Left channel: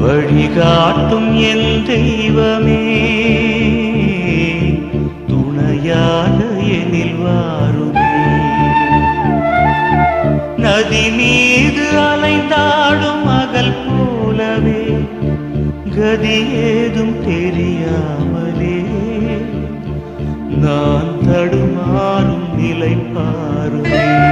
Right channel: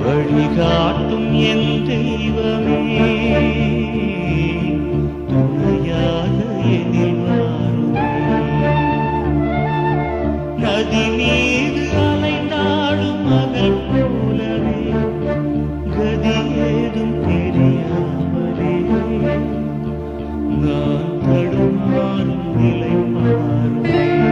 வழிகாட்டும் என் தெய்வமே, துணையாக எனில் வாருமே. நதி மீது அலைந்தாடும் மகள் போலவே கதி ஏதும் தெரியாமலே நான் தடுமாறும் நிலை பாருமே.